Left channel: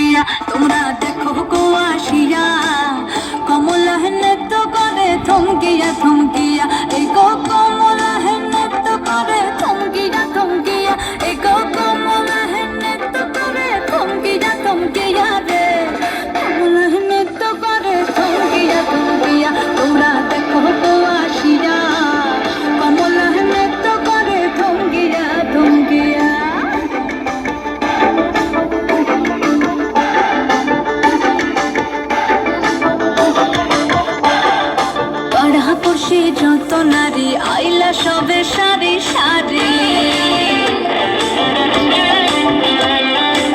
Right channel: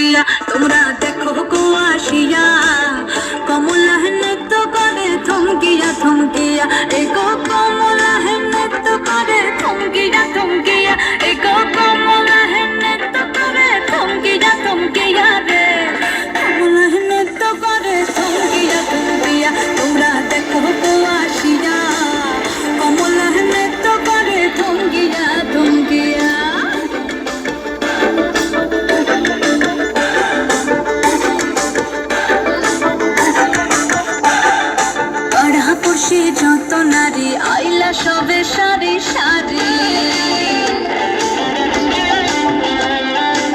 থমকিয়া তোমরা দেখো গো আসিয়া কমলা নৃত্য করে থমকিয়া থমকিয়া এগো কমলা নৃত্য করে থমকিয়া থমকিয়া এগো কমলা নৃত্য করে থমকিয়া থমকিয়া রে কমলা নৃত্য করে থমকিয়া থমকিয়া তোমরা দেখো গো আসিয়া কমলা নৃত্য করে থমকিয়া থমকিয়া পাড়াপড়শি যত নারী আইলা সবে সারি সারি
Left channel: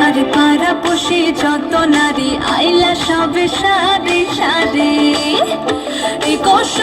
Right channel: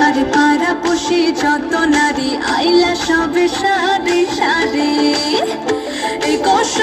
আরে পাড়াপড়শি যত নারী আইলা সবে সারি সারি এই কষ্ট